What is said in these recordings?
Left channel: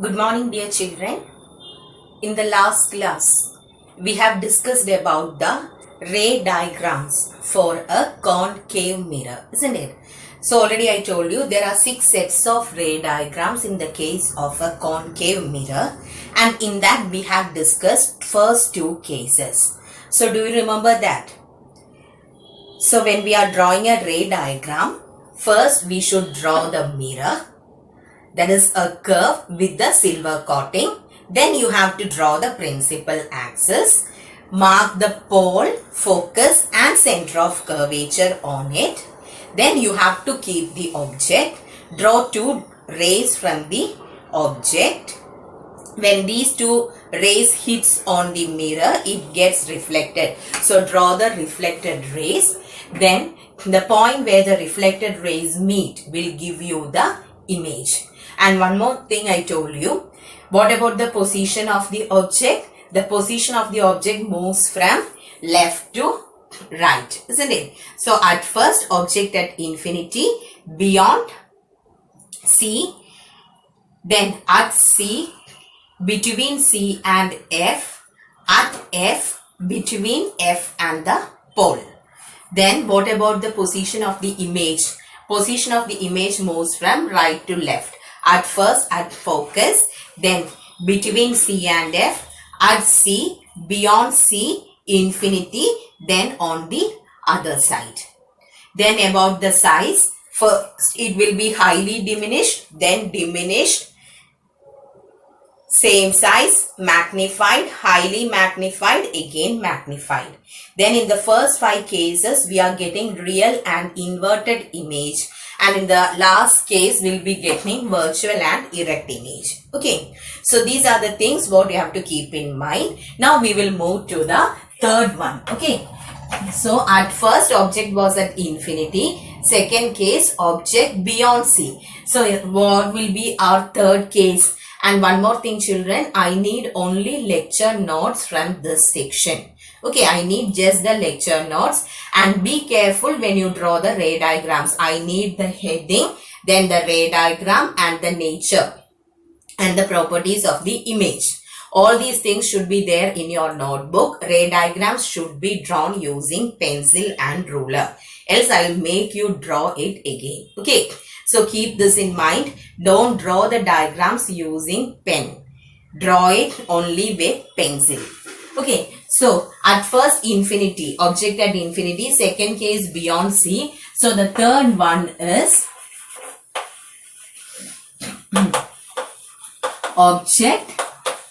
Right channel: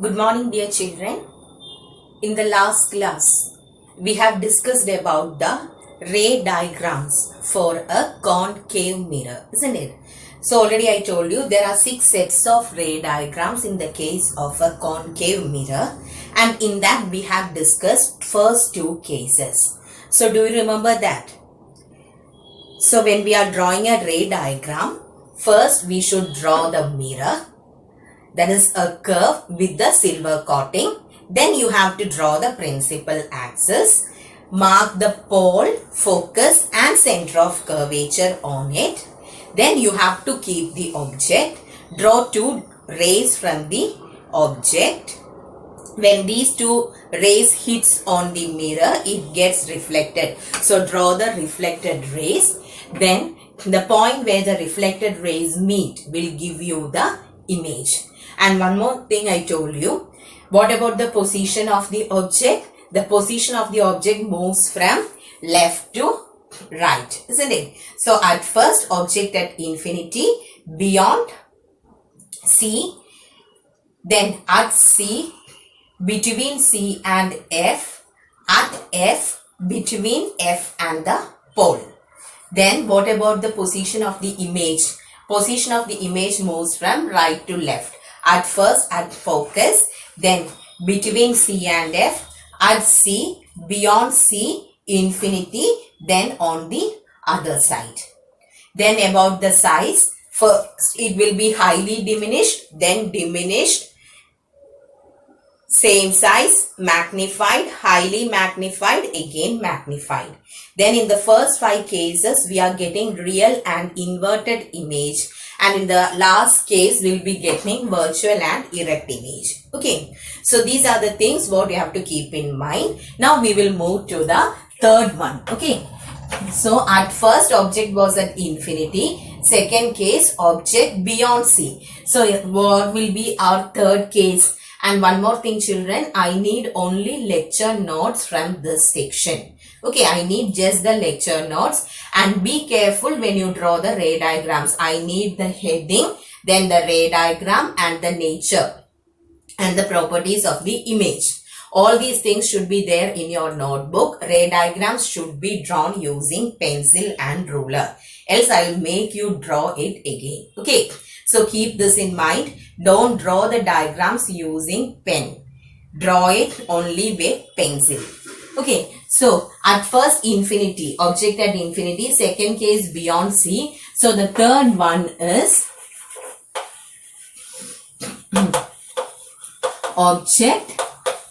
Good morning, dear children. In the last class, we have discussed about the ray diagrams for a concave mirror, isn't it? So already I told you there are 6 sets of ray diagrams in the case of a concave mirror, and in that we have discussed first 2 cases. So do you remember that? So when we are drawing a ray diagram, first we should draw the mirror. That is a curve with the silver coating. Then you have to draw the principal axis, mark the pole, focus and center of curvature on it. Then you have to keep the object, draw 2 rays from the object. When these 2 rays hits on the mirror, it gets reflected. So draw the reflected rays. Then the point where the reflected rays meet will give you the image. And one more thing I told you. What about the position of the object? The position of the object moves from left to right, isn't it? So at first, object at infinity, beyond C, then at C, between C and F, at F, between F and the pole. Then what about the position of the image? Position of the image moves from right to left. At first at focus, then between C and F, at C, beyond C, infinity, then on the other side. Then about the size, first it will be highly diminished, then diminished, same size, magnified, highly magnified, again magnified. Then in the first 5 cases, we are getting real and inverted image. And in the last case, we'll be getting virtual and erect image. Okay. So these are the things what you have to keep in mind. Now we will move to the third one. Okay. So at first, object was at infinity. Second case, object beyond C. So what will be our third case? And one more thing, children, I need only lecture notes from this section. Okay, I need just the lecture notes, and be careful when you draw the ray diagrams. I need the heading, then the ray diagram and the nature and the properties of the image. All these things should be there in your notebook. Ray diagrams should be drawn using pencil and ruler. Else I will make you draw it again. Okay. So keep this in mind. Don't draw the diagrams using pen. Draw it only with pencil. Okay. So at first infinity, object at infinity. Second case beyond C. So the third one is object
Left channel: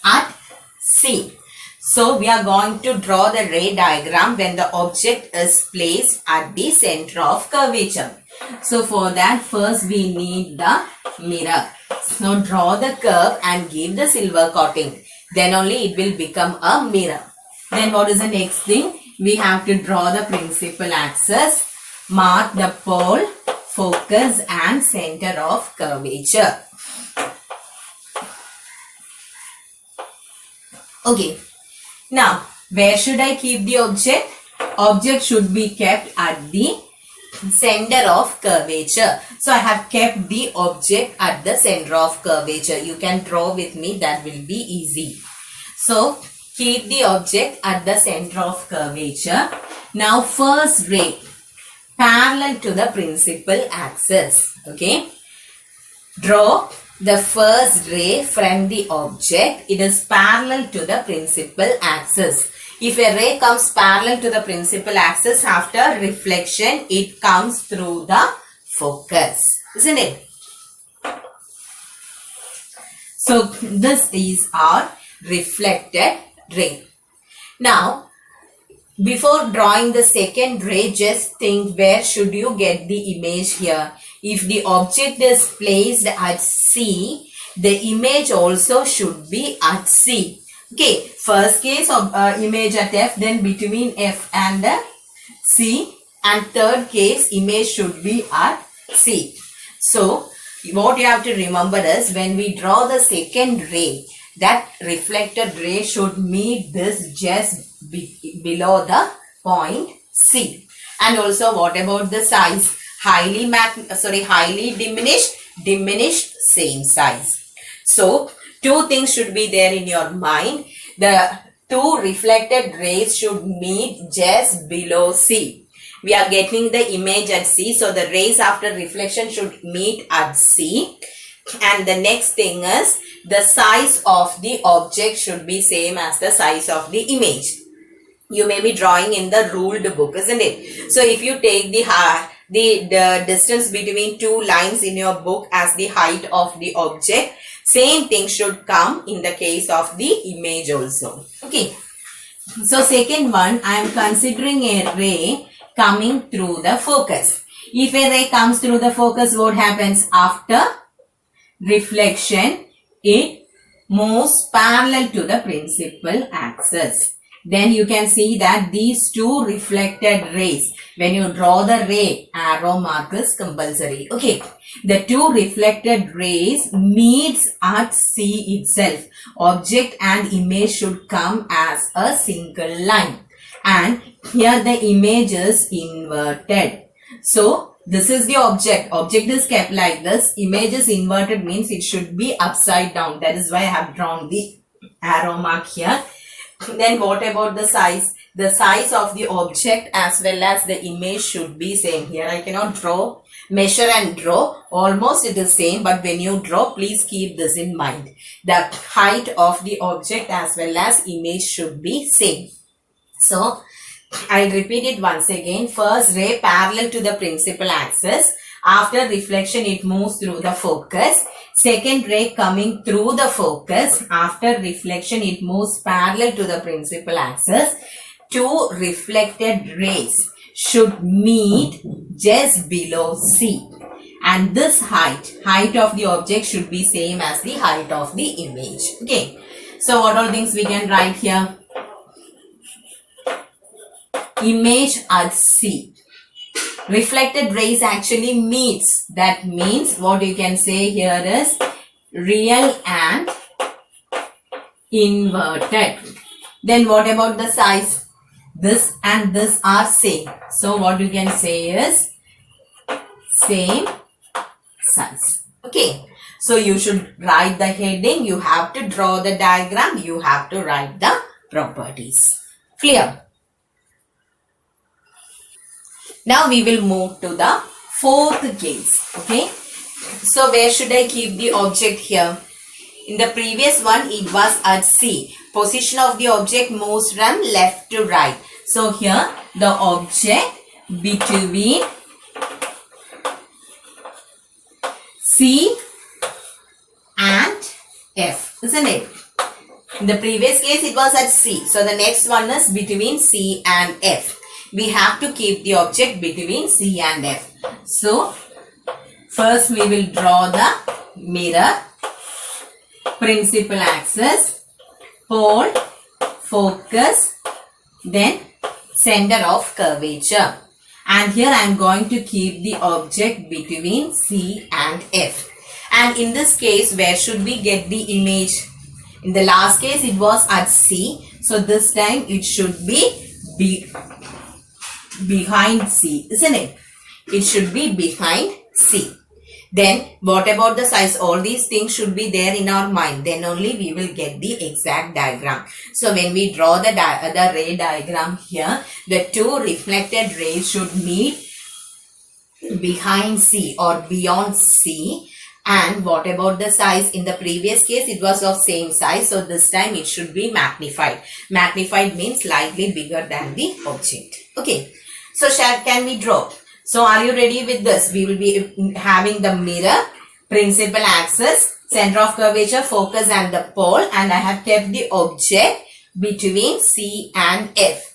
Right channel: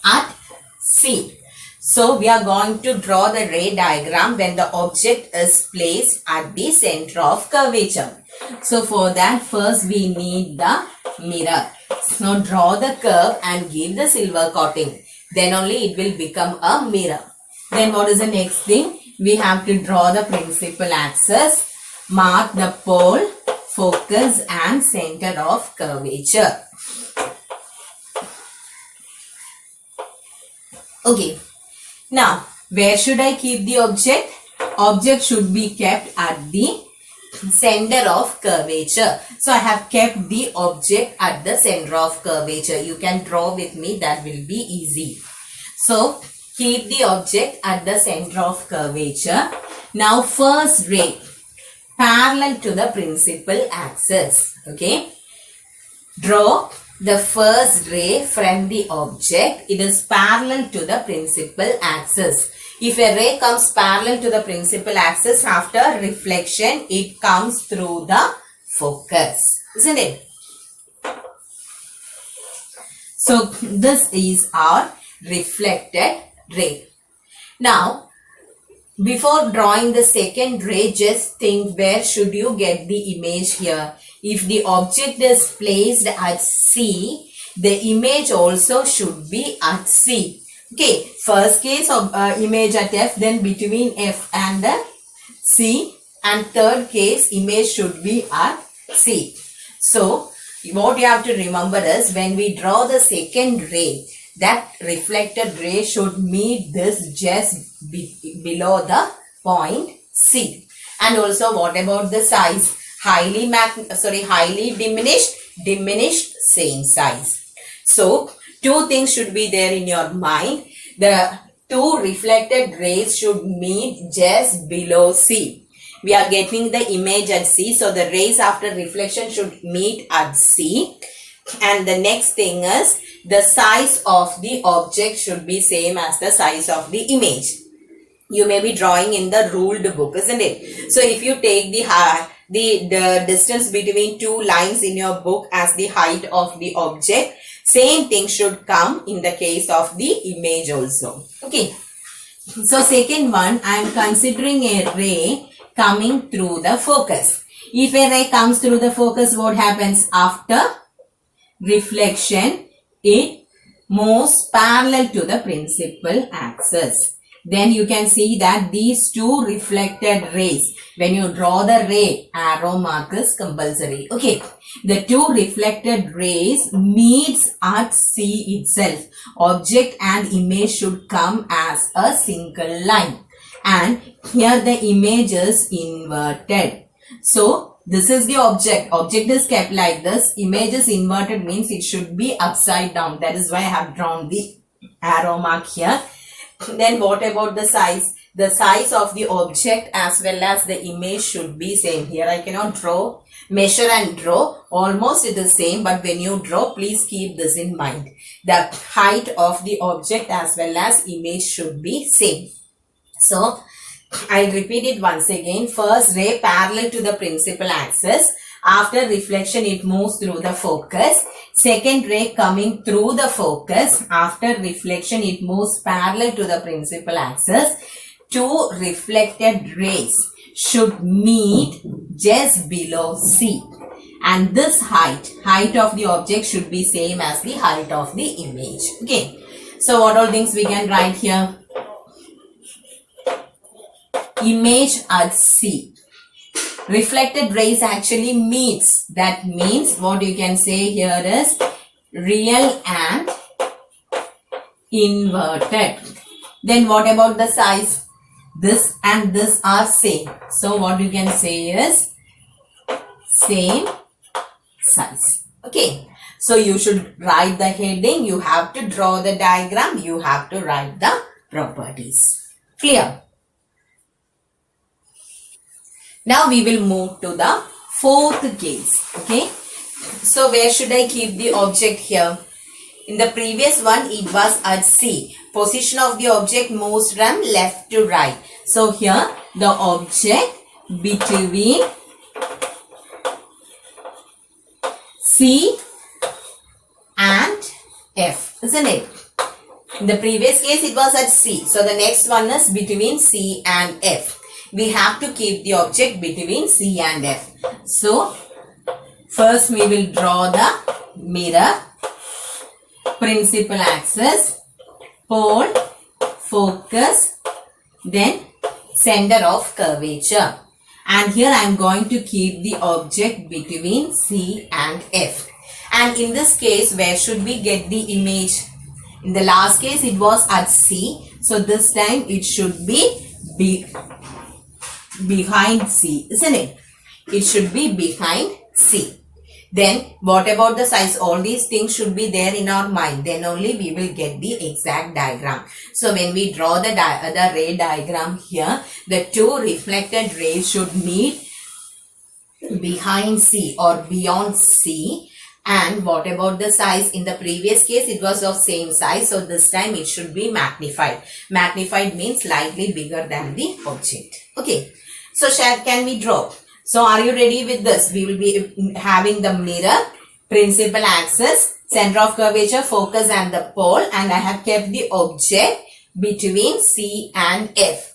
at C. So we are going to draw the ray diagram when the object is placed at the center of curvature. So for that, first we need the mirror. Now draw the curve and give the silver coating. Then only it will become a mirror. Then what is the next thing? We have to draw the principal axis, mark the pole, focus and center of curvature. Okay. Now, where should I keep the object? Object should be kept at the center of curvature. So I have kept the object at the center of curvature. You can draw with me, that will be easy. So keep the object at the center of curvature. Now first ray parallel to the principal axis. Okay. Draw the first ray from the object. It is parallel to the principal axis. If a ray comes parallel to the principal axis, after reflection, it comes through the focus. Isn't it? So this is our reflected ray. Now, before drawing the second ray, just think where should you get the image here. If the object is placed at C, the image also should be at C. Okay, first case of image at F, then between F and the C, and third case image should be at C. So what you have to remember is when we draw the second ray, that reflected ray should meet this just below the point C. And also what about the size? Highly diminished, same size. So Two things should be there in your mind. The two reflected rays should meet just below C. We are getting the image at C, so the rays after reflection should meet at C. And the next thing is the size of the object should be same as the size of the image. You may be drawing in the ruled book, isn't it? So if you take the distance between two lines in your book as the height of the object, same thing should come in the case of the image also. Okay. So second one, I am considering a ray coming through the focus. If a ray comes through the focus, what happens? After reflection, it moves parallel to the principal axis. Then you can see that these two reflected rays, when you draw the ray, arrow mark is compulsory. Okay, the two reflected rays meets at C itself. Object and image should come as a single line. And here the image is inverted. So this is the object. Object is kept like this. Image is inverted means it should be upside down. That is why I have drawn the arrow mark here. Then what about the size? The size of the object as well as the image should be same. Here I cannot draw, measure and draw. Almost it is same, but when you draw, please keep this in mind. The height of the object as well as image should be same. So I'll repeat it once again. First ray parallel to the principal axis. After reflection, it moves through the focus. Second ray coming through the focus. After reflection, it moves parallel to the principal axis. Two reflected rays should meet just below C. And this height of the object should be same as the height of the image. Okay. So what all things we can write here? Image at C. Reflected rays actually meets. That means what you can say here is real and inverted. Then what about the size? This and this are same. So what you can say is same size. Okay. So you should write the heading. You have to draw the diagram. You have to write the properties. Clear? Now we will move to the fourth case. Okay. So where should I keep the object here? In the previous one, it was at C. Position of the object moves from left to right. So here the object between C and F, isn't it? In the previous case, it was at C. So the next one is between C and F. We have to keep the object between C and F. So, first we will draw the mirror, principal axis, pole, focus, then center of curvature. And here I am going to keep the object between C and F. And in this case, where should we get the image? In the last case, it was at C. So, this time it should be behind C, isn't it? It should be behind C. Then what about the size? All these things should be there in our mind. Then only we will get the exact diagram. So when we draw the ray diagram here, the two reflected rays should meet behind C or beyond C. And what about the size? In the previous case, it was of same size. So this time it should be magnified. Magnified means slightly bigger than the object. Okay. So can we draw? So are you ready with this? We will be having the mirror, principal axis, center of curvature, focus and the pole. And I have kept the object between C and F.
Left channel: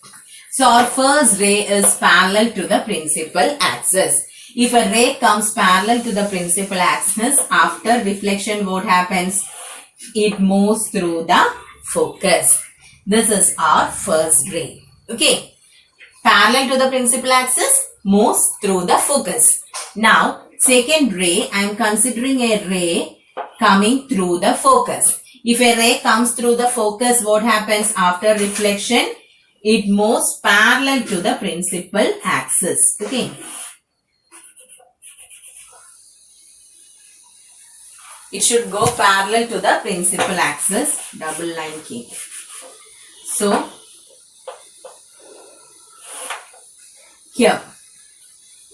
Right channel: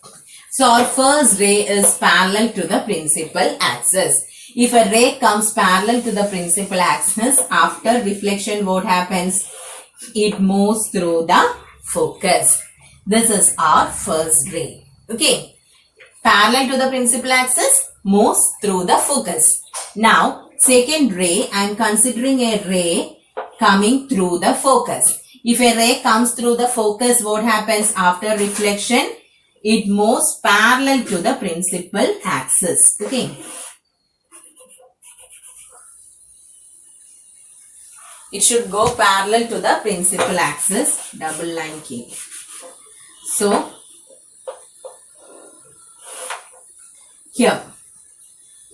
So our first ray is parallel to the principal axis. If a ray comes parallel to the principal axis, after reflection, what happens? It moves through the focus. This is our first ray. Okay. Parallel to the principal axis, moves through the focus. Now, second ray, I am considering a ray coming through the focus. If a ray comes through the focus, what happens after reflection? It moves parallel to the principal axis. Okay. it should go parallel to the principal axis. Double line key. So here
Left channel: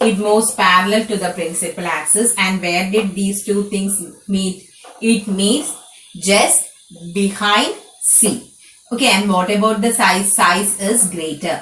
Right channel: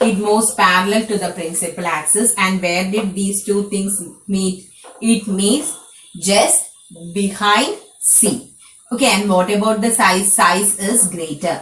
it moves parallel to the principal axis, and where did these two things meet? It meets just behind C. Okay, and what about the size? Size is greater.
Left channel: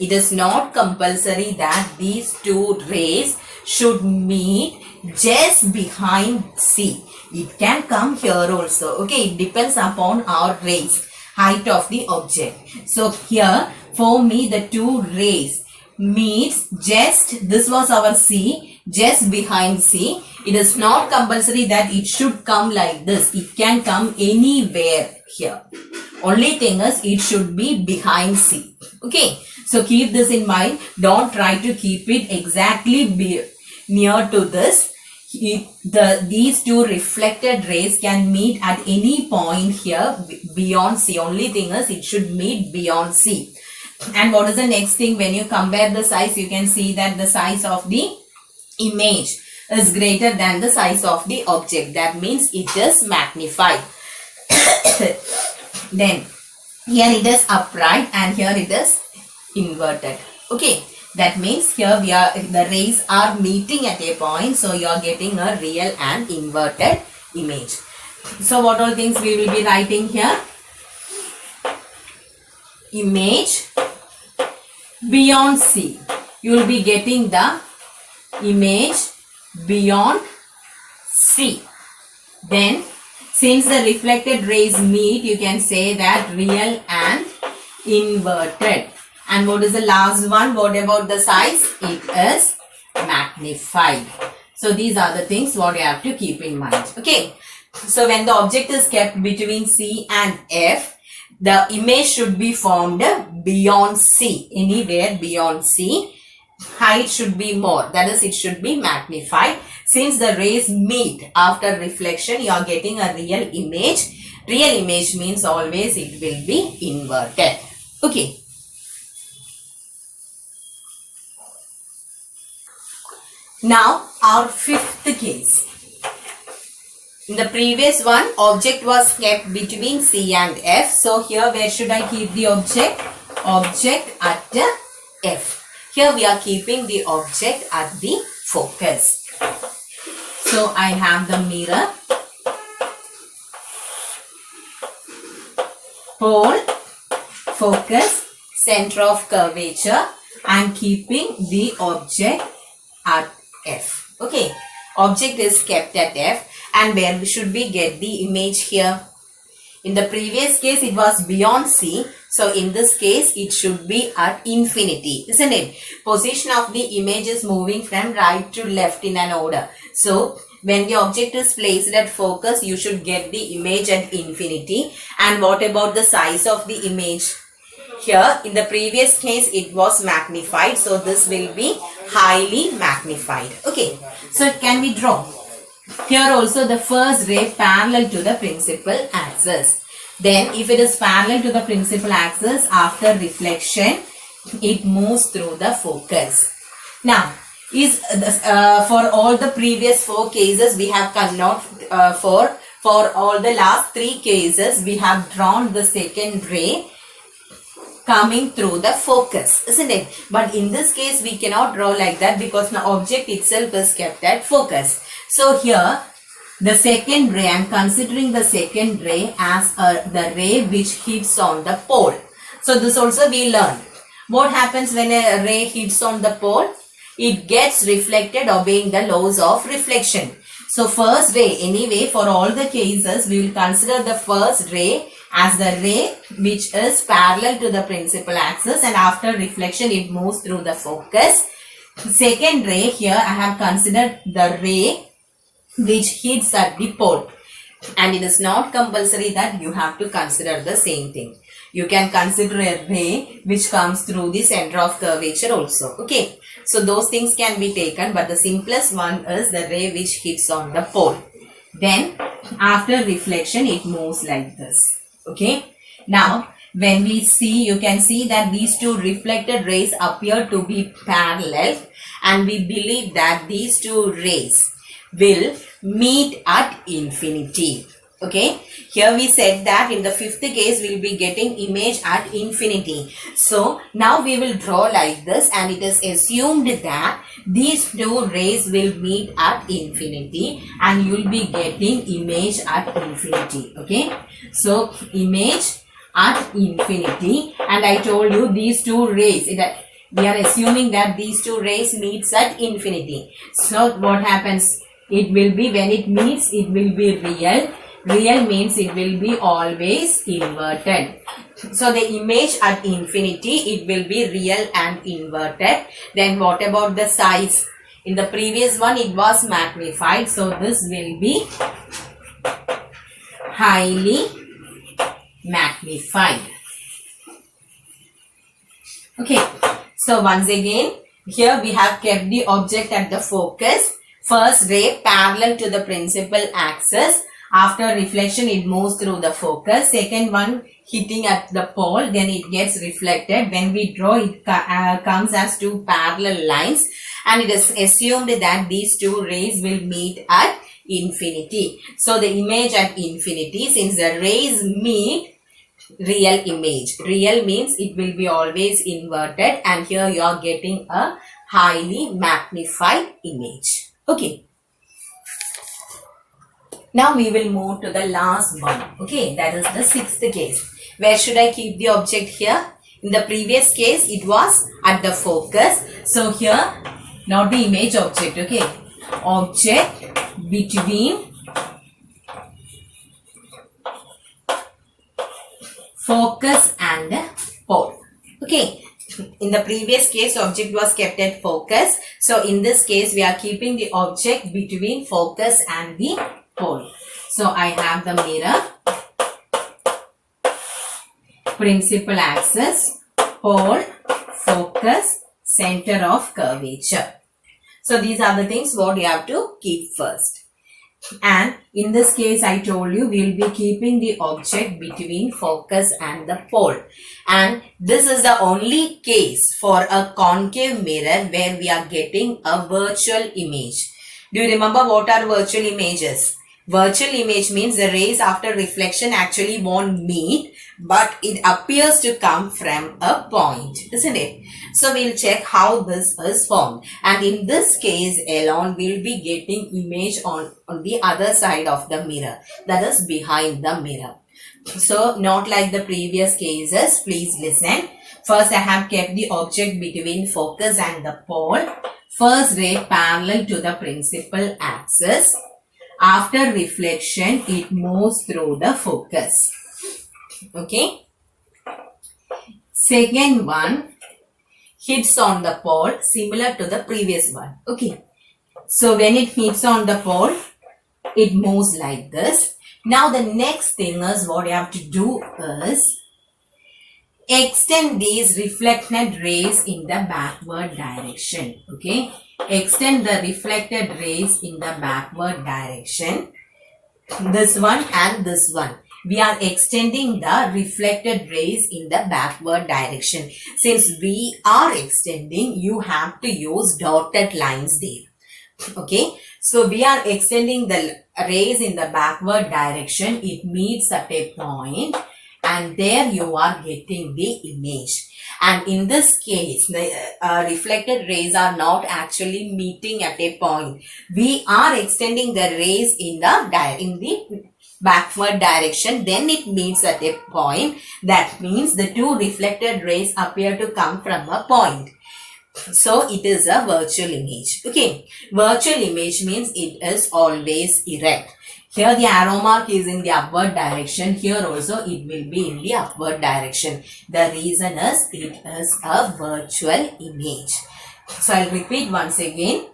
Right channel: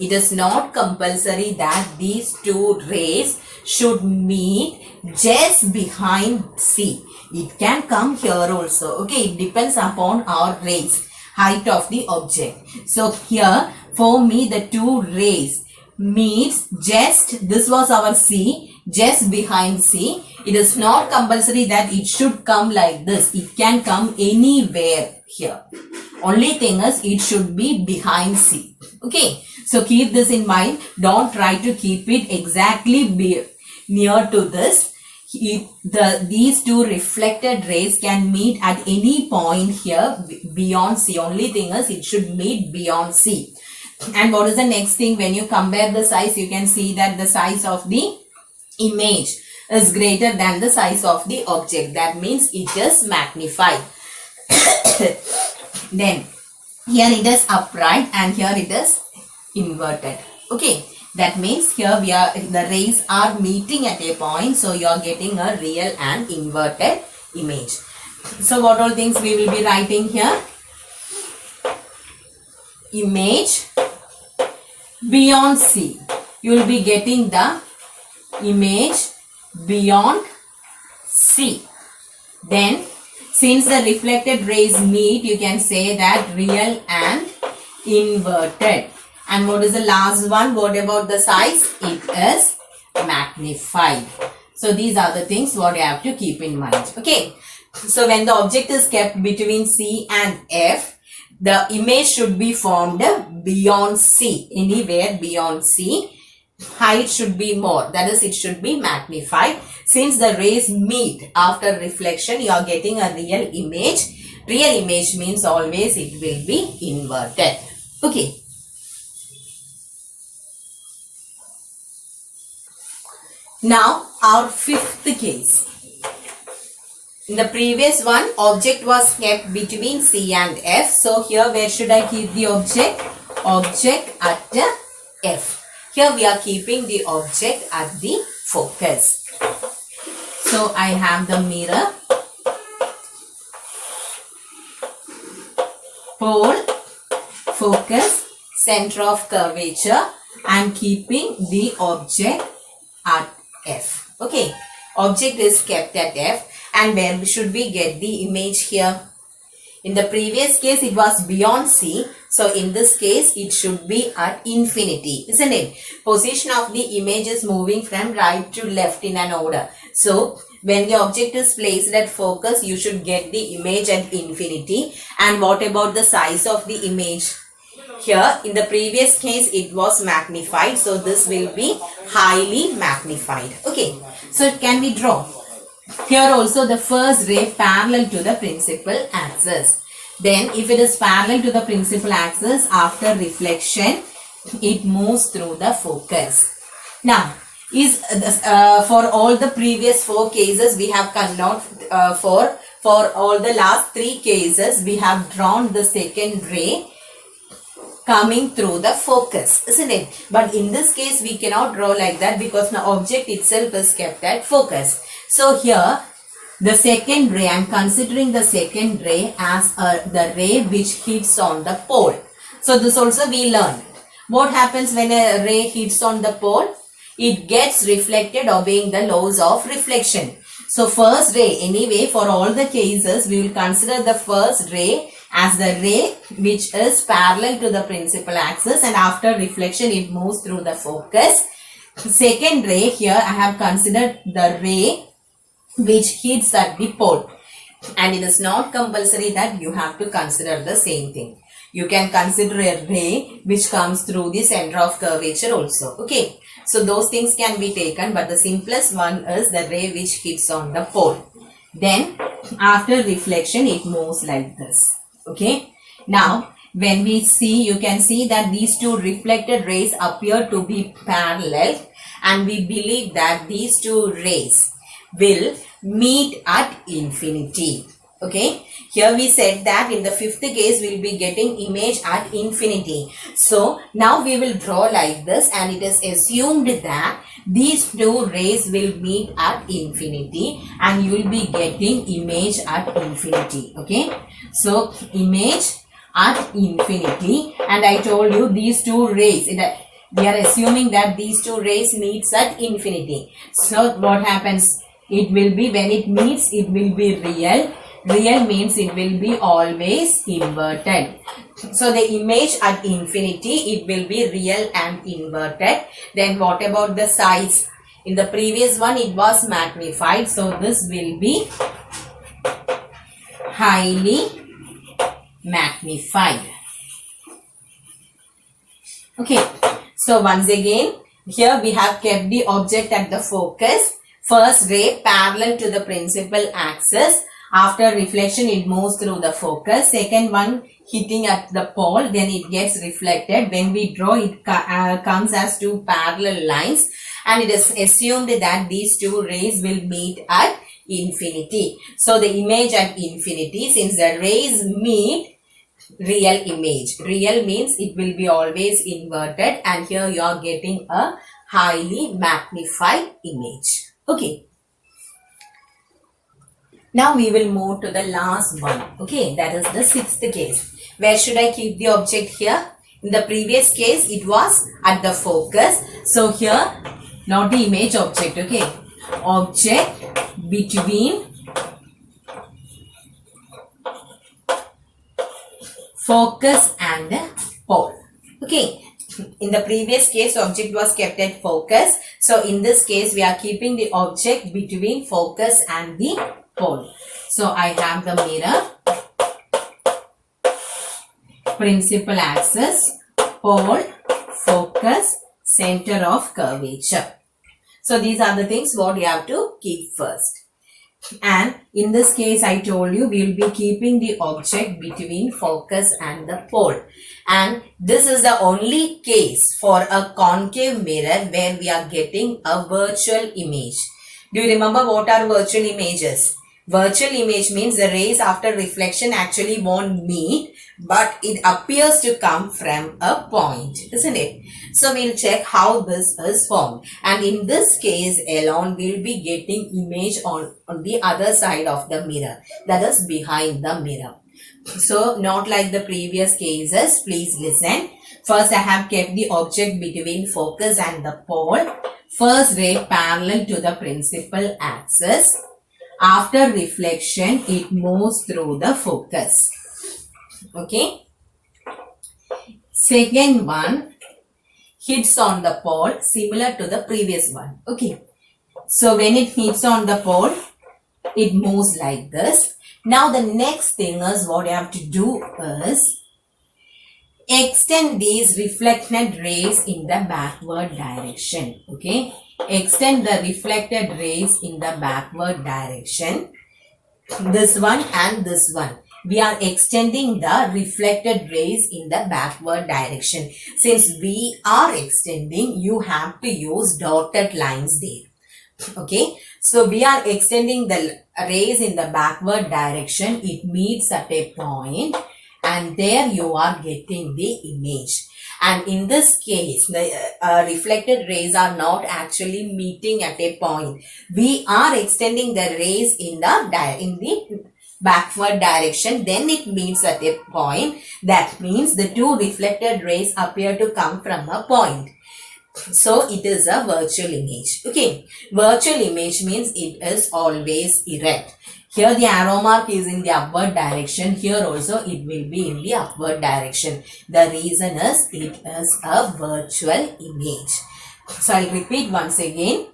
It is not compulsory that these two rays should meet just behind C. It can come here also. Okay, it depends upon our rays, height of the object. So here for me the two rays meets just, this was our C, just behind C. It is not compulsory that it should come like this. It can come anywhere here. Only thing is it should be behind C. Okay, so keep this in mind. Don't try to keep it exactly near to this. These two reflected rays can meet at any point here beyond C. Only thing is it should meet beyond C. And what is the next thing? When you compare the size, you can see that the size of the image is greater than the size of the object. That means it is magnified. Then here it is upright and here it is inverted. Okay, that means here the rays are meeting at a point, so you are getting a real and inverted image. So what all things we will be writing here? Image beyond C. You will be getting the image beyond C. Then since the reflected rays meet, you can say that real and inverted. And what is the last one? What about the size? It is magnified. So these are the things what you have to keep in mind. Okay. So when the object is kept between C and F, the image should be formed beyond C, anywhere beyond C. Height should be more, that is it should be magnified. Since the rays meet after reflection, you are getting a real image. Real image means always it will be inverted. Okay. Now our fifth case. In the previous one, object was kept between C and F. So here where should I keep the object? Object at the F. Here we are keeping the object at the focus. So I have the mirror, pole, focus, center of curvature, and keeping the object at F. Okay, object is kept at F. And where should we get the image here? In the previous case, it was beyond C. So in this case, it should be at infinity, isn't it? Position of the image is moving from right to left in an order. So when the object is placed at focus, you should get the image at infinity. And what about the size of the image? Here, in the previous case, it was magnified. So this will be highly magnified. Okay. So can we draw? Here also the first ray parallel to the principal axis. Then if it is parallel to the principal axis, after reflection, it moves through the focus. Now, for all the previous 4 cases, we have for all the last 3 cases, we have drawn the second ray coming through the focus, isn't it? But in this case, we cannot draw like that because the object itself is kept at focus. So here, the second ray, I am considering the second ray as the ray which hits on the pole. So this also we learn. What happens when a ray hits on the pole? It gets reflected obeying the laws of reflection. So first ray, anyway, for all the cases, we will consider the first ray as the ray which is parallel to the principal axis, and after reflection, it moves through the focus. Second ray, here I have considered the ray which hits at the pole, and it is not compulsory that you have to consider the same thing. You can consider a ray which comes through the center of curvature also. Okay, so those things can be taken, but the simplest one is the ray which hits on the pole. Then after reflection, it moves like this. Okay, now when we see, you can see that these two reflected rays appear to be parallel, and we believe that these two rays will meet at infinity. Okay, here we said that in the fifth case we'll be getting image at infinity. So now we will draw like this, and it is assumed that these two rays will meet at infinity and you will be getting image at infinity. Okay, so image at infinity, and I told you these two rays, we are assuming that these two rays meets at infinity. So what happens? It will be, when it meets, it will be real. Real means it will be always inverted. So the image at infinity, it will be real and inverted. Then what about the size? In the previous one it was magnified. So this will be highly magnified. Okay. So once again, here we have kept the object at the focus. First ray parallel to the principal axis. After reflection, it moves through the focus. Second one hitting at the pole, then it gets reflected. When we draw, it comes as two parallel lines, and it is assumed that these two rays will meet at infinity. So the image at infinity, since the rays meet, real image. Real means it will be always inverted, and here you are getting a highly magnified image. Okay. Now we will move to the last one. Okay, that is the sixth case. Where should I keep the object here? In the previous case, it was at the focus. So here, not the image object. Okay, object between focus and pole. Okay, in the previous case, object was kept at focus. So in this case, we are keeping the object between focus and the pole. So I have the mirror, principal axis, pole, focus, center of curvature. So these are the things what you have to keep first. And in this case, I told you we will be keeping the object between focus and the pole. And this is the only case for a concave mirror where we are getting a virtual image. Do you remember what are virtual images? Virtual image means the rays after reflection actually won't meet, but it appears to come from a point, isn't it? So we'll check how this is formed. And in this case alone, we'll be getting image on the other side of the mirror, that is behind the mirror. So not like the previous cases, please listen. First I have kept the object between focus and the pole. First ray parallel to the principal axis. After reflection, it moves through the focus. Okay. Second one hits on the pole, similar to the previous one. Okay. So when it hits on the pole, it moves like this. Now the next thing is what you have to do is extend these reflected rays in the backward direction. Okay. Extend the reflected rays in the backward direction. This one and this one. We are extending the reflected rays in the backward direction. Since we are extending, you have to use dotted lines there. Okay. So we are extending the rays in the backward direction. It meets at a point, and there you are getting the image. And in this case, the reflected rays are not actually meeting at a point. We are extending the rays in the backward direction. Then it meets at a point. That means the two reflected rays appear to come from a point. So it is a virtual image. Okay. Virtual image means it is always erect. Here the arrow mark is in the upward direction. Here also it will be in the upward direction. The reason is it is a virtual image. So I'll repeat once again.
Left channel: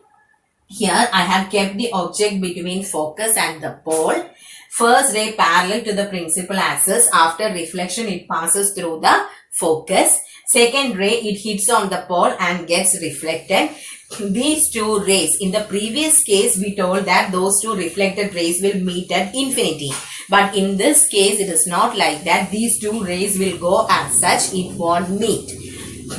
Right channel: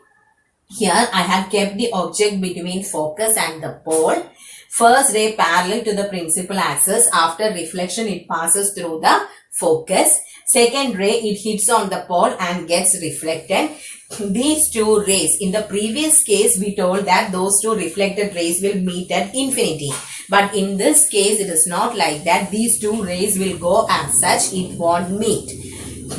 Here I have kept the object between focus and the pole. First ray parallel to the principal axis. After reflection, it passes through the focus. Second ray, it hits on the pole and gets reflected. These two rays, in the previous case, we told that those two reflected rays will meet at infinity. But in this case, it is not like that. These two rays will go as such, it won't meet.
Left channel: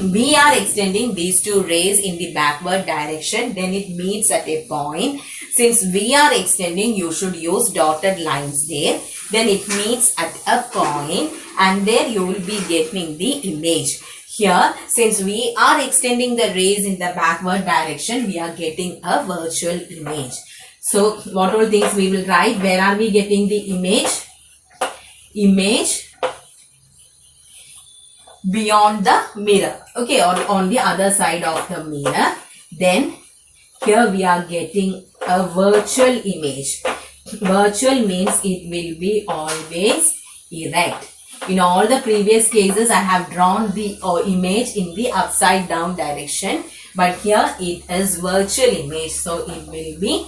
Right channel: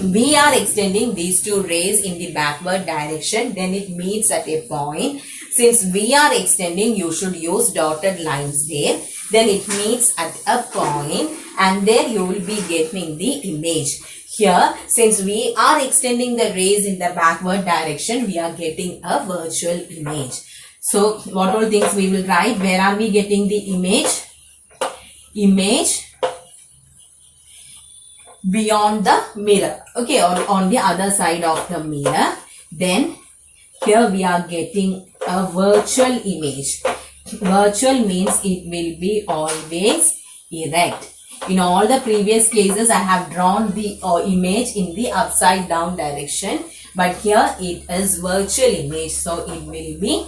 We are extending these two rays in the backward direction. Then it meets at a point. Since we are extending, you should use dotted lines there. Then it meets at a point and there you will be getting the image. Here, since we are extending the rays in the backward direction, we are getting a virtual image. So, what all things we will write? Where are we getting the image? Image beyond the mirror. Okay, or on the other side of the mirror. Then, here we are getting a virtual image. Virtual means it will be always erect. In all the previous cases, I have drawn the image in the upside down direction. But here it is virtual image. So it will be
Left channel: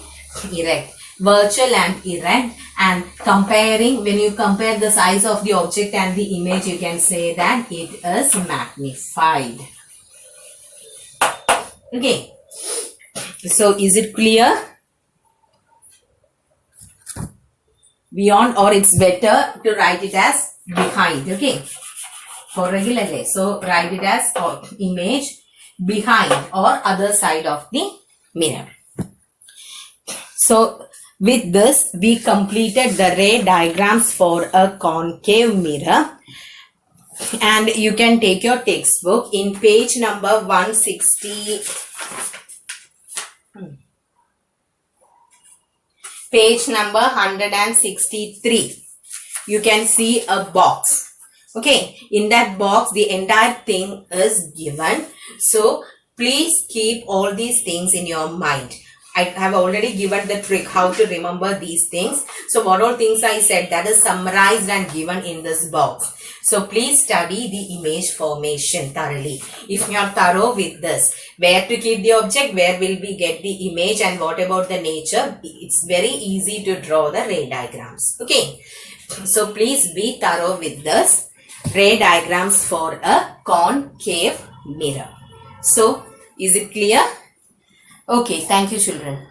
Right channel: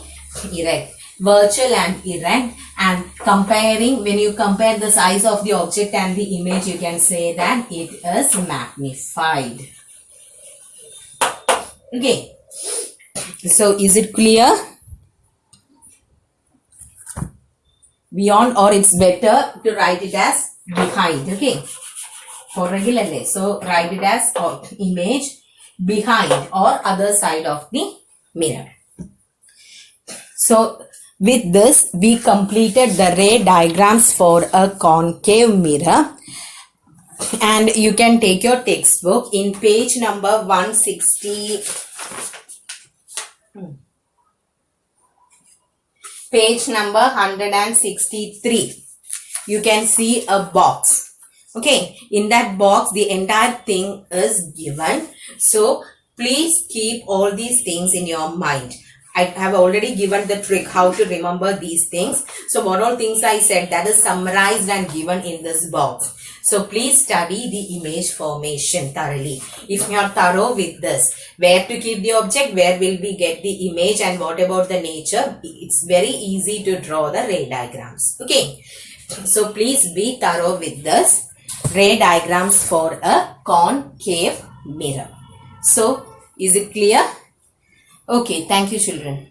erect. Virtual and erect. And comparing, when you compare the size of the object and the image, you can say that it is magnified. Okay. So is it clear? Beyond, or it's better to write it as behind. Okay, for regular day. So write it as image behind or other side of the mirror. So with this, we completed the ray diagrams for a concave mirror. And you can take your textbook in page number 160. Page number 163. You can see a box. Okay, in that box the entire thing is given. So please keep all these things in your mind. I have already given the trick how to remember these things. So what all things I said, that is summarized and given in this box. So please study the image formation thoroughly. If you are thorough with this, where to keep the object, where will we get the image, and what about the nature, it's very easy to draw the ray diagrams. Okay. So please be thorough with this ray diagrams for a concave mirror. So is it clear? Okay, thank you children.